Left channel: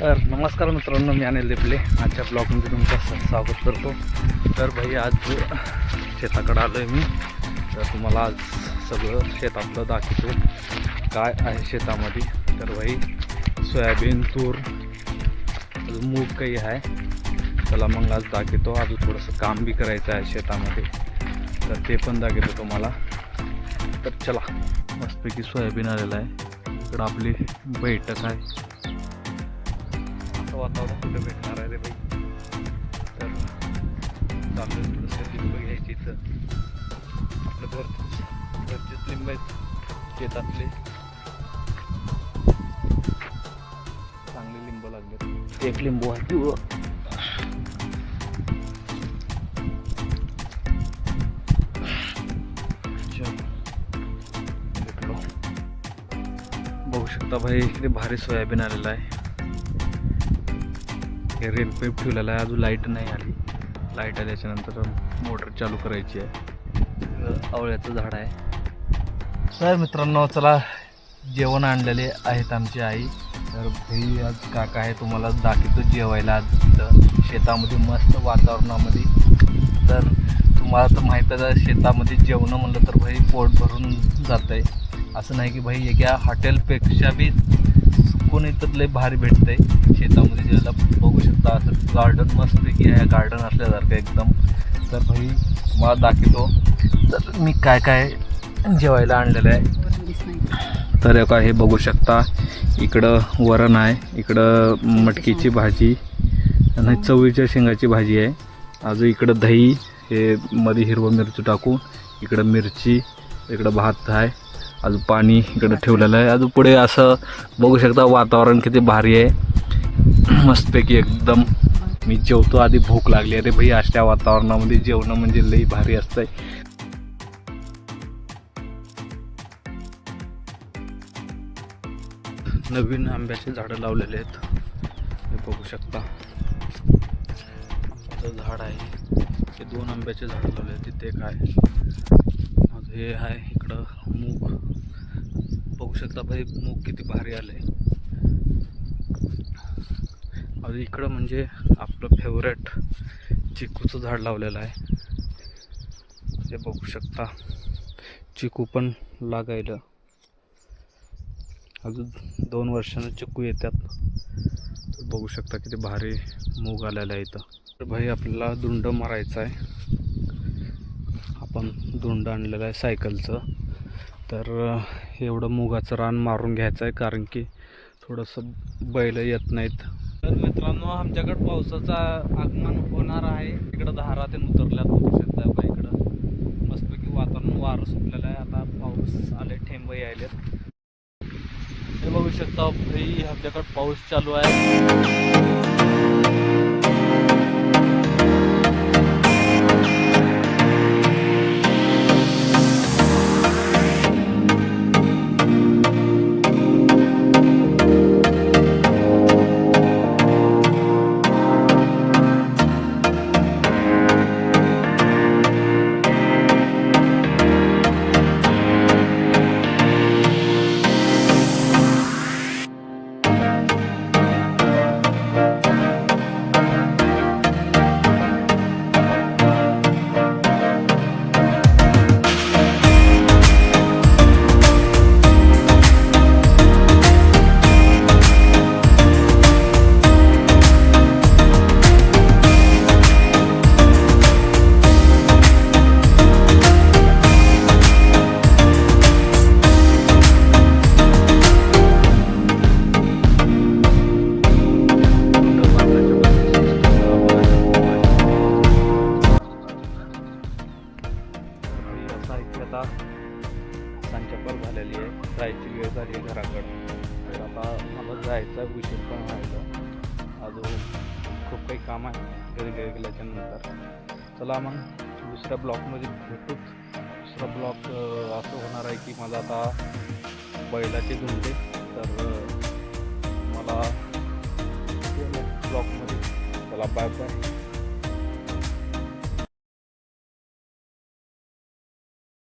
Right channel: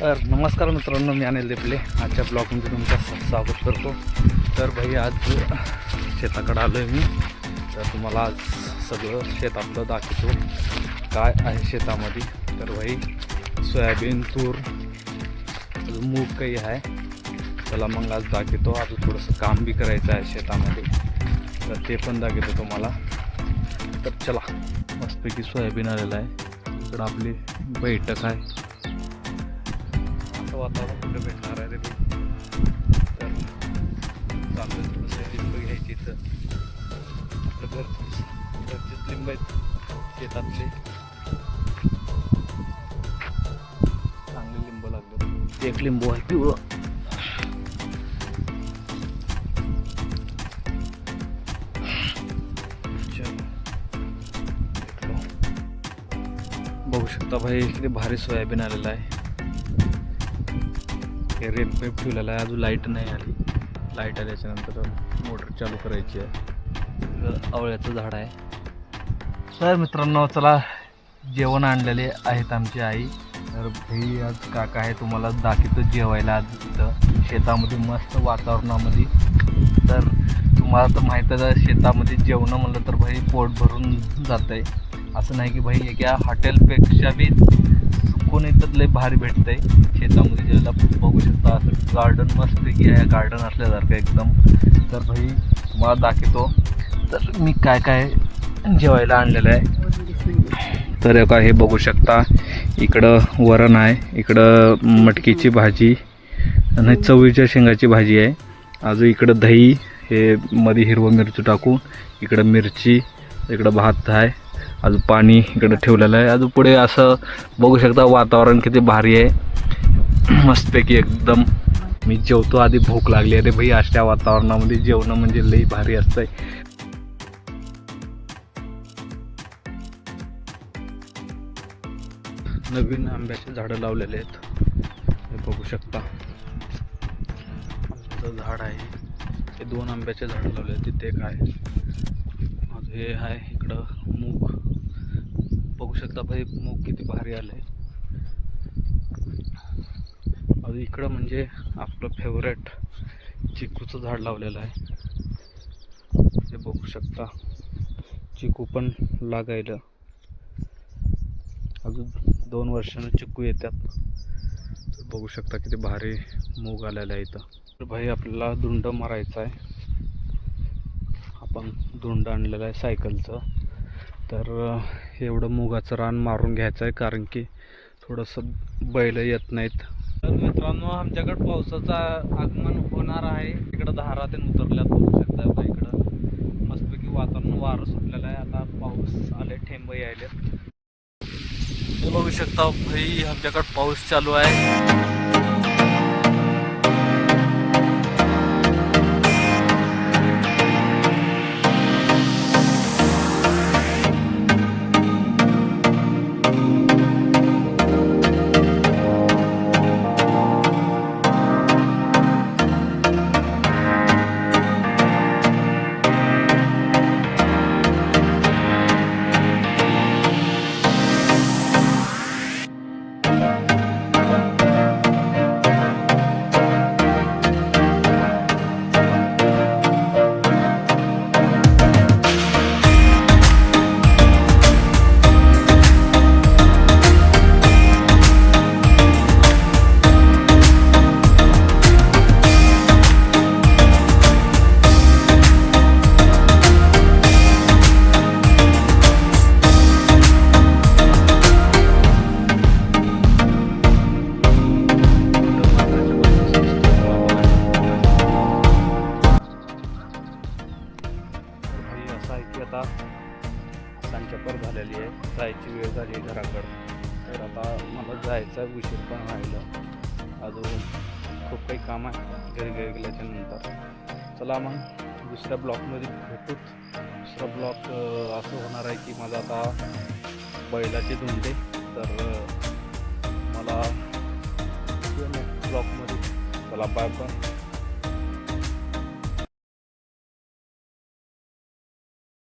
तर नमस्कार मित्रांनो, मी अनिल देपले आजच्या ब्लॉगमध्ये तुमचं स्वागत करतो. तर भाई आज शेताकडे आलो आहे मी. तर तुम्हाला आज सगळं शेतातलं दाखवतो काय आहे शेतामध्ये. तर भाई सोयाबीन, तूर, अजून मूग काही आहे. चला मग आज दाखवतो. अजून थोडंसं काम बी करायचं आहे शेतामध्ये, तर ते पण दाखवतो तुम्हाला. तर चला, मस्तपैकी सोयाबीन आलेलं आहे. इकडं आपली बैठक आहे. वातावरण कुठे भेटणार आहे रे बाई. तर चालू थोडंसं लिंब घ्यायची. तर आपलं घरचेच लिंब आहेत शेतातले, चांगले लिंब लागले. एक लिंबू आहे पिवळं. बघू शकता भाई, किती भारी सोयाबीन आलेलं आहे. हे रेन पाईप ठेवलेला आहे. अजून लाईट नाही आली. लाईट आल्याच्यानंतर मोटर चालू करायची आहे. आवळ्याचं झाड आहे. तर मित्रांनो, चला जेवण आणलेले आहेत आमची आई. तर भाई आज काका आहे, तुम्हाला दाखवतो जेवायला आज तिथं शेतामध्ये मस्त वातावरणामध्ये. तर तुम्हाला तर माहीतच आहे, शेतामध्ये जेवणं म्हणलं तर भाई पोट भरून जातं आहे. असं नाही की भाई एका हॉटेलपेक्षा बी कोणी तर लय भारी भेटतं आहे शेतामध्ये जेवायला. बघू शकता असं गार्डन मस्तपैकी आहे, गार्डन असल्यासारखं एकदम. तर भाई तुम्हाला दाखवतो तर मी काय काय जेवायला आणलेलं आहे. तर का हे बघू शकता, इकडं वरण आहे, इकडं मटकीची भाजी आणि चवळीच्या शेंगाची भाजी आहे. अजून इकडं दही, हे मध्ये हिरवं मिरची टाकून, इकडं मिरची, इकडं भात आहे, अजून पाणी इकडं ठेवलेलं आहे. अजून पुढे असं बघू शकता वातावरण किती भारी आहे, मस्तपैकी एकदम. मी जेवतो, आधी भूक लागली. अरे भाई अशा वातावरणामध्ये जेवणं म्हणजे लई भारी असतंय. नवीन आंब्याचे झाडं लावलेले आहेत, हे बघू शकता. आंब्याचं झाड आहे, हे 2 आंब्याचे झाडं लावले आहेत. तिथे एक आहे, हे आहे इकडं मूग. बघू शकता भाई मूग किती भारी आले. अजून इकडं म्हणजे आपलं फेवरेट चिकूचं झाड लावलेलं आहे, हे बघू शकता. चिकू पण लागायला अजून 2 वर्षानं चिकू येतात. तर बघू शकता किती भारी मूग आलेला आहे इथं. तर भाई आपल्याला धुंड मारायचं आहे. आपण धुंड आणलेलं आहे सायकलचं. तर एवढं मुगाचं रान मारून घ्यायचं आहे, कारण की थोडंसं बैल येत नाहीत. तर मित्रांनो, आमच्याकडं पावसाचं आगमन होणार आहे. इकडं धारा ते उतरल्यात, बघू शकता बघा. इकडं मस्तपैकी वातावरण, वारं सुटलेलं आहे. आता पाऊस आले, ठेंब यायलेत. हे बघू शकता भाई, आमच्याकडं पाऊस चालू आहे. आता सांच्यापर झालेली आहे, जायची वेळ झाली आहे घराकडं. तर आता मला जायचं आहे, उशीर पण व्हायला. अजून खूप काही काम आहे घरी गेल्याच्या नंतर. चला मग दुसऱ्या ब्लॉकमध्ये भेटू. दुसरा ब्लॉक असं होणार आहे की माझा आता बैलाचे धुंडे. तर मला नेक्स्ट ब्लॉकमध्ये. चला बाय बाय.